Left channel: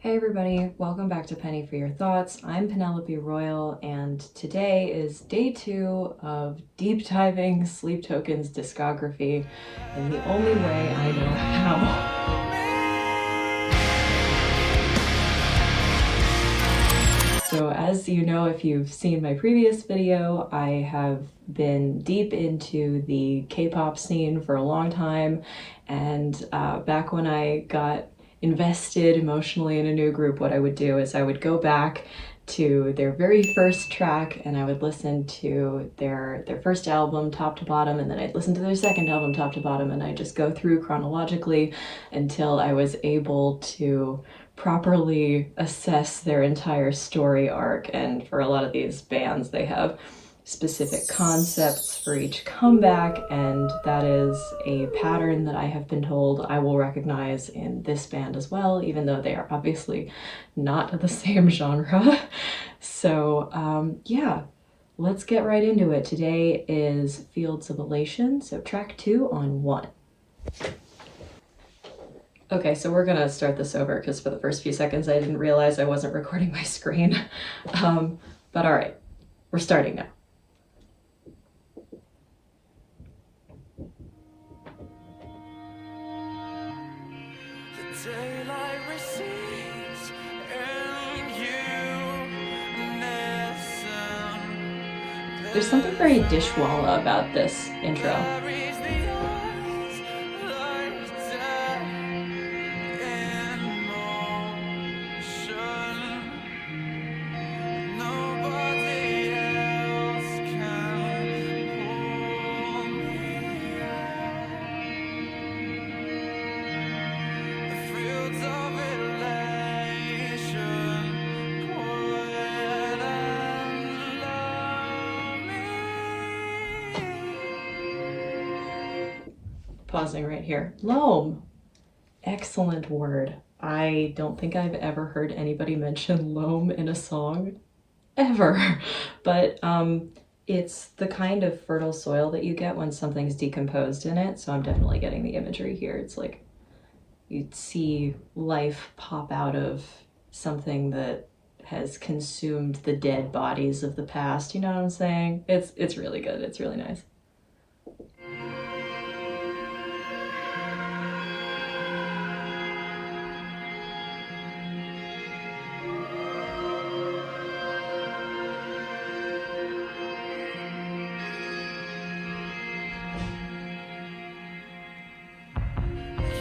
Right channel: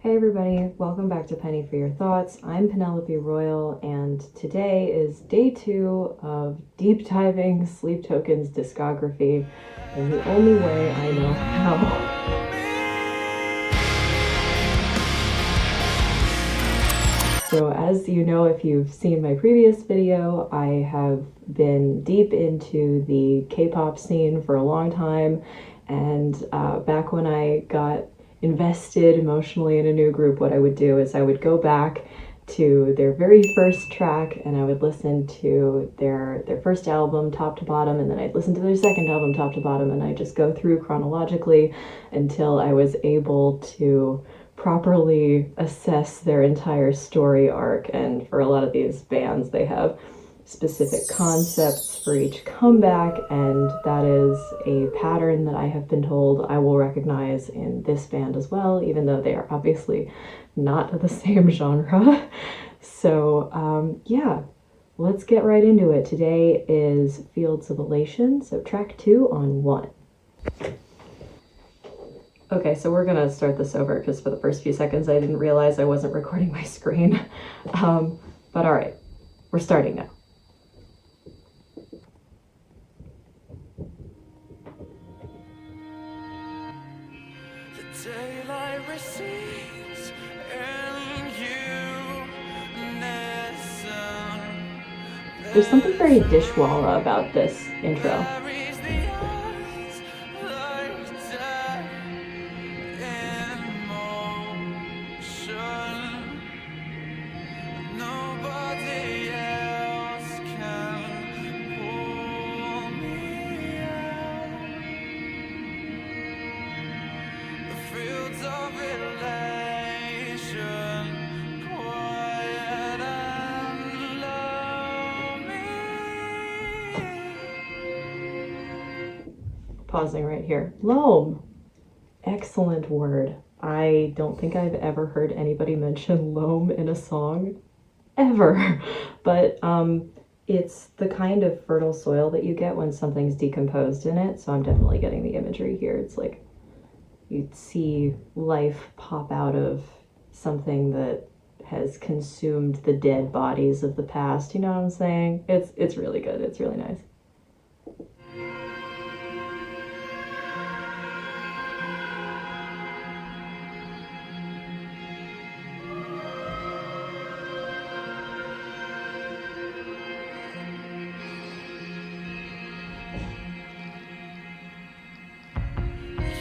Hey everybody, welcome back to Penny for Your Thoughts. I'm Penelope Royal, and today is day 2 of deep diving Sleep Token's discography in the only way I know how. So as you know, if you've seen my previous video, I have been deep into the K-pop scene for a long time, and back when I got invested emotionally in a new group, what I would do is I would go back to their very first track and I would listen to their first album top to bottom, and then I'd listen to their second album top to bottom, and I'd just go through chronologically until I was able to properly assess their entire story arc. And for a lot of these bands, they have specific concepts for each comeback, and that is a pattern that I have been told I will recognize in this band as well, even though they are obviously not the same genre. So yeah, let's get right into it. Today is Fields of Elation, so track 2 on 1. Okay, so we're gonna start this over because for the first few seconds I didn't realize I wasn't recording my screen. But all right, we're starting now. Daylight recedes and you listen. There's something very Dishwalla about this intro. Buries the eyes like death in motion. Nobody else can pull me out. The fields of elation, quiet and lonely. Pausing right here. Loam. Excellent word. I don't think I've ever heard anybody mention loam in a song ever, but it's the kind of fertile soil that you get when something's decomposed in it, so I'm definitely getting the imagery here. It's like you'd see life pop out of something that has consumed the dead bodies of the past, you know what I'm saying? It's really good. It's really nice.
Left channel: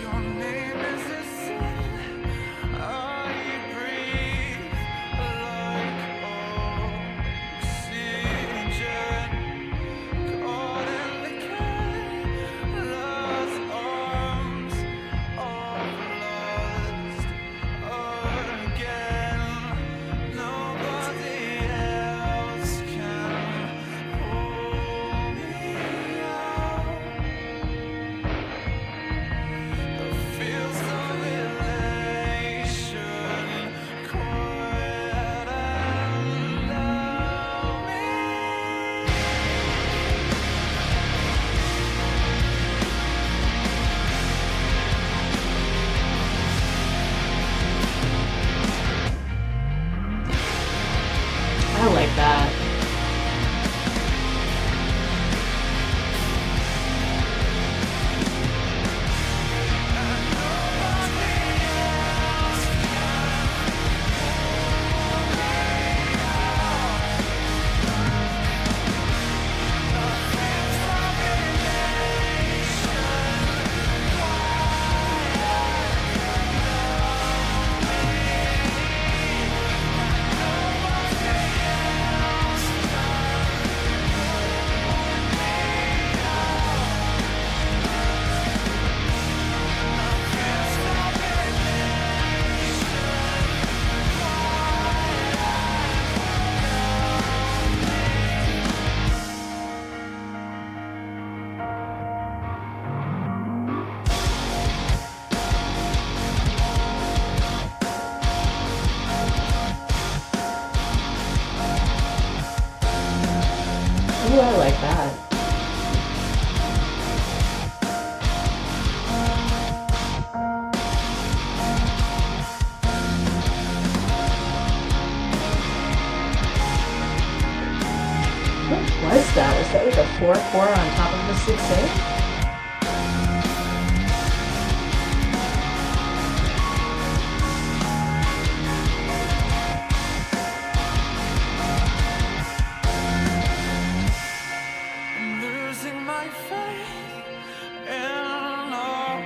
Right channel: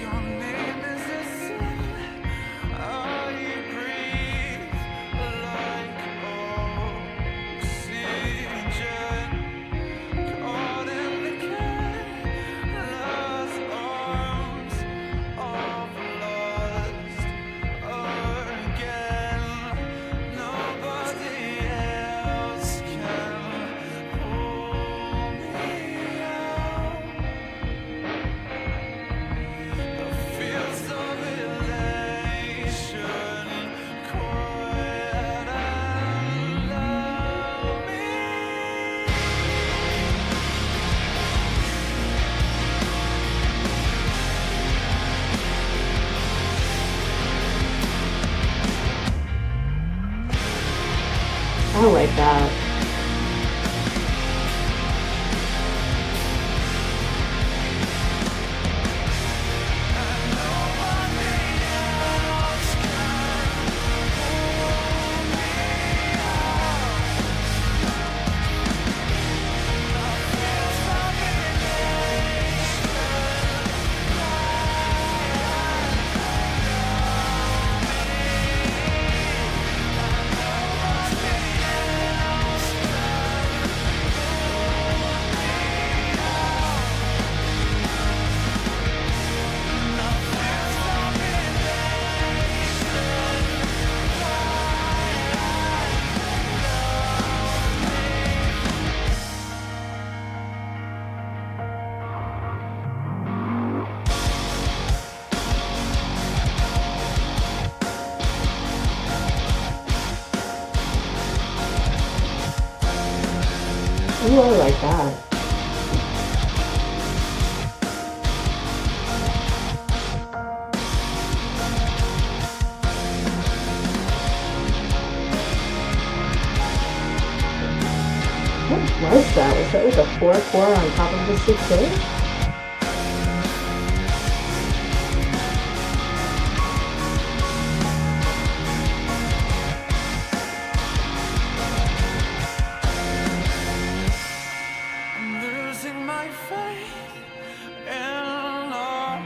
Your name is a sin. I breathe like oxygen, caught in the careless arms of lust again. Nobody else can pull me out. The fields of elation, quiet and lonely. I like that. And nobody else can pull me out. The fields of elation, quiet and lonely. And nobody else can pull me out. The fields of elation, quiet Ooh, I like that. that with a 4/4 on top of the 6/8? I'm losing my faith in our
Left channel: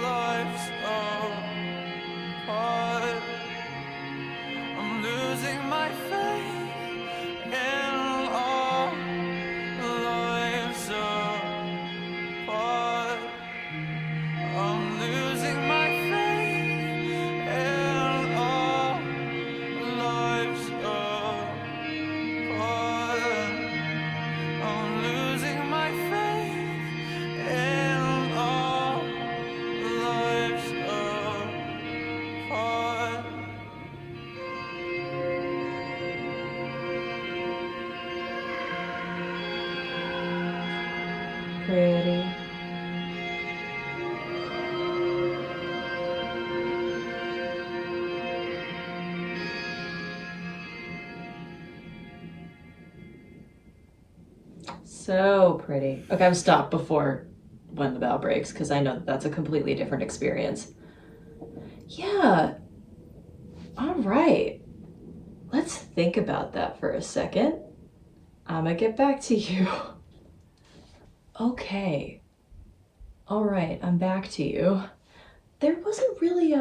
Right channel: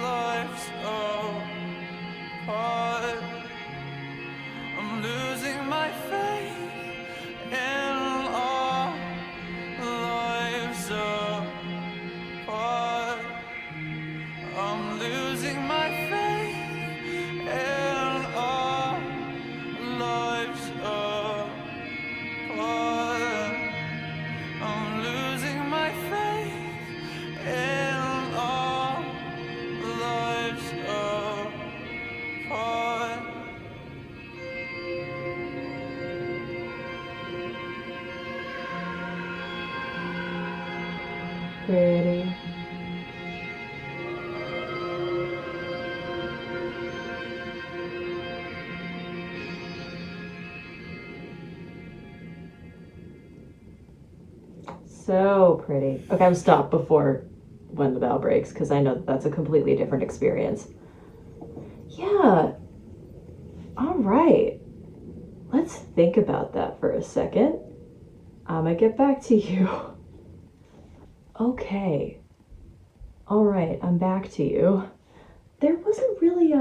lives apart. I'm losing my faith in our lives apart. I'm losing my faith in our lives apart. I'm losing my faith in our lives apart. Pretty. So pretty. Okay, I'm stopped before when the bell breaks because I know that's a completely different experience. Yeah. All right. Let's think about that for a second. I'm gonna get back to you. Okay. All right, I'm back to you. There wasn't really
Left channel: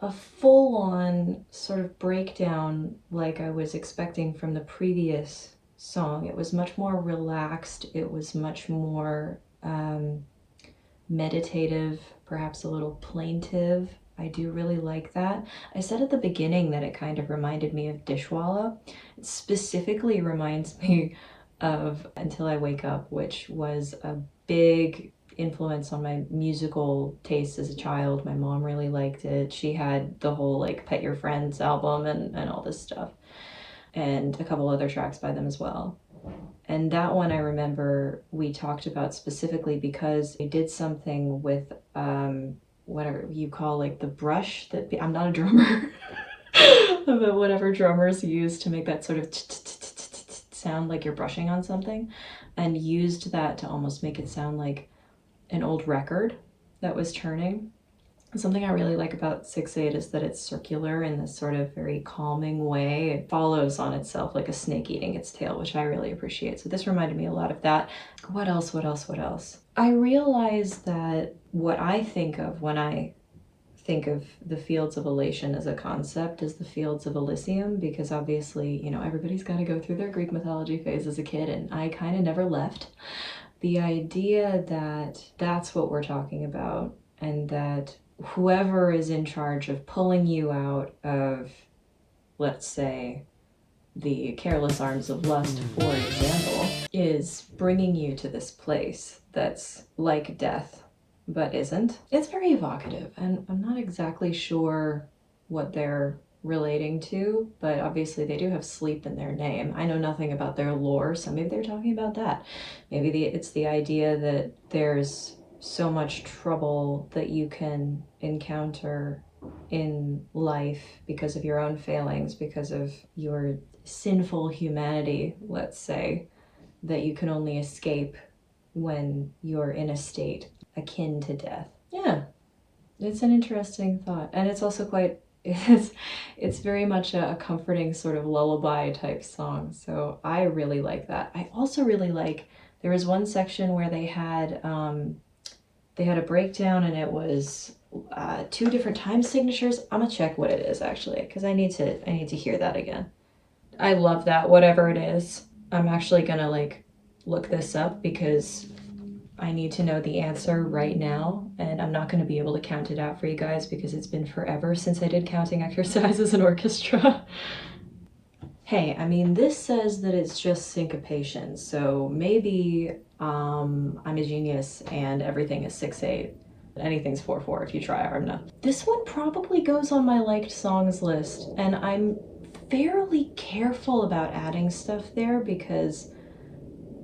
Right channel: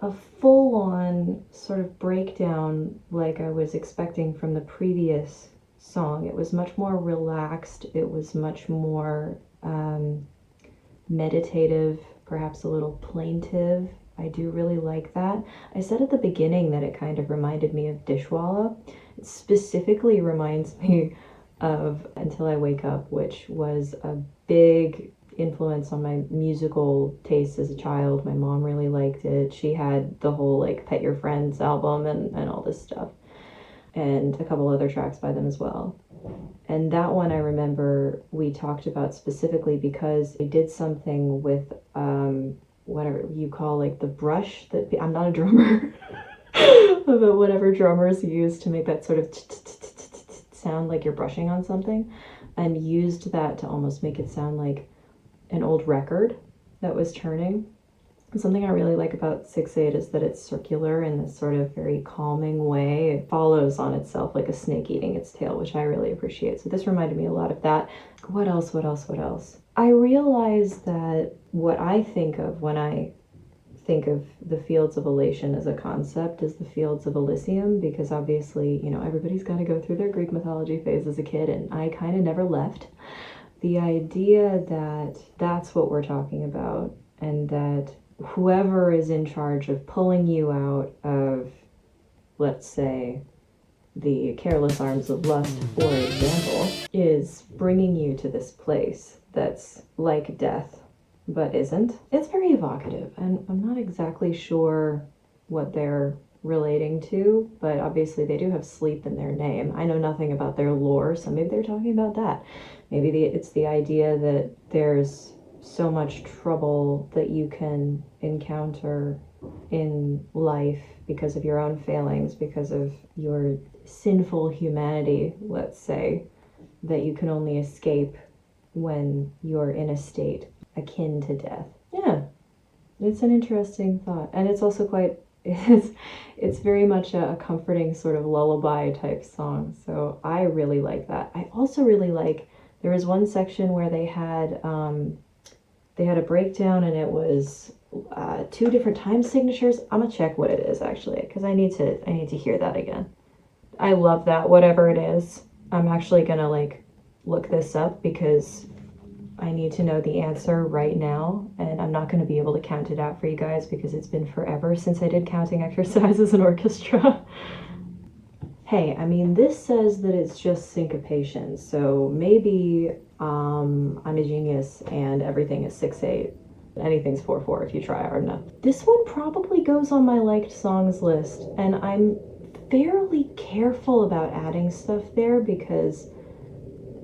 a full-on sort of breakdown like I was expecting from the previous song. It was much more relaxed. It was much more meditative, perhaps a little plaintive. I do really like that. I said at the beginning that it kind of reminded me of Dishwalla. It specifically reminds me of Until I Wake Up, which was a big influence on my musical taste as a child. My mom really liked it. She had the whole like Pet Your Friends album and all this stuff, and a couple other tracks by them as well. And that one I remember we talked about specifically because they did something with whatever you call like the brush that I'm not a drummer, but whatever drummers use to make that sort of sound like you're brushing on something, and used that to almost make it sound like an old record that was turning. Something I really like about 6/8 is that it's circular in this sort of very calming way. It follows on itself like a snake eating its tail, which I really appreciate. So this reminded me a lot of that. What else? I realized that what I think of when I think of the fields of elation as a concept is the fields of Elysium, because obviously, you know, everybody's got to go through their Greek mythology phase as a kid, and I kind of never left. The idea that that's what we're talking about, and that whoever is in charge of pulling you out of, let's say, the careless arms of lust, for example, is bringing you to this place that's like death, but isn't. It's very evocative, and I'm not exactly sure what they're relating to, but obviously they do have sleep in their name. I know nothing about their lore, so maybe they're talking about that. Maybe it's the idea that there's so much trouble that you can encounter in life because of your own failings, because of your sinful humanity, let's say, that you can only escape when you're in a state akin to death. Yeah, it's an interesting thought, and it's also quite it's very much a comforting sort of lullaby type song, so I really like that. I also really like, there was one section where they had a breakdown, and it was 2 different time signatures. I'm gonna check what it is actually, because I need to hear that again. I love that, whatever it is. I'm actually gonna like look this up because I need to know the answer right now, and I'm not going to be able to count it out for you guys because it's been forever since I did counting exercises in orchestra. Hey, I mean, this says that it's just syncopation, so maybe I'm a genius and everything is 6/8. Anything's 4/4 if you try hard enough. This one probably goes on my liked songs list, and I'm fairly careful about adding stuff there because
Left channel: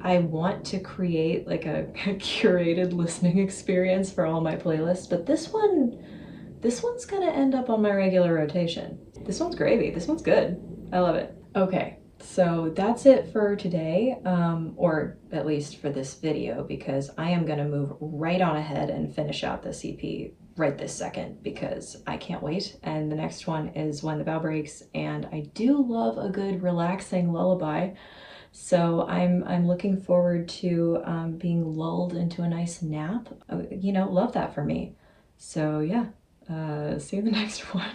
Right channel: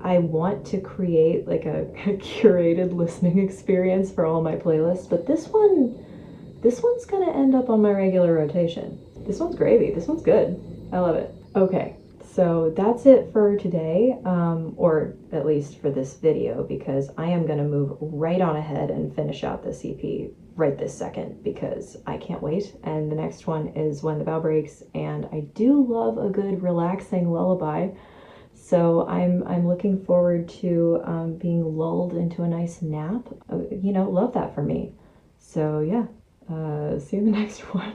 I want to create like a curated listening experience for all my playlists, but this one's gonna end up on my regular rotation. This one's gravy. This one's good. I love it. Okay, So that's it for today, or at least for this video, because I am going to move right on ahead and finish out this EP right this second because I can't wait. And the next one is When the Bow Breaks, and I do love a good relaxing lullaby. So I'm looking forward to being lulled into a nice nap. You know, love that for me. So yeah, see you in the next one.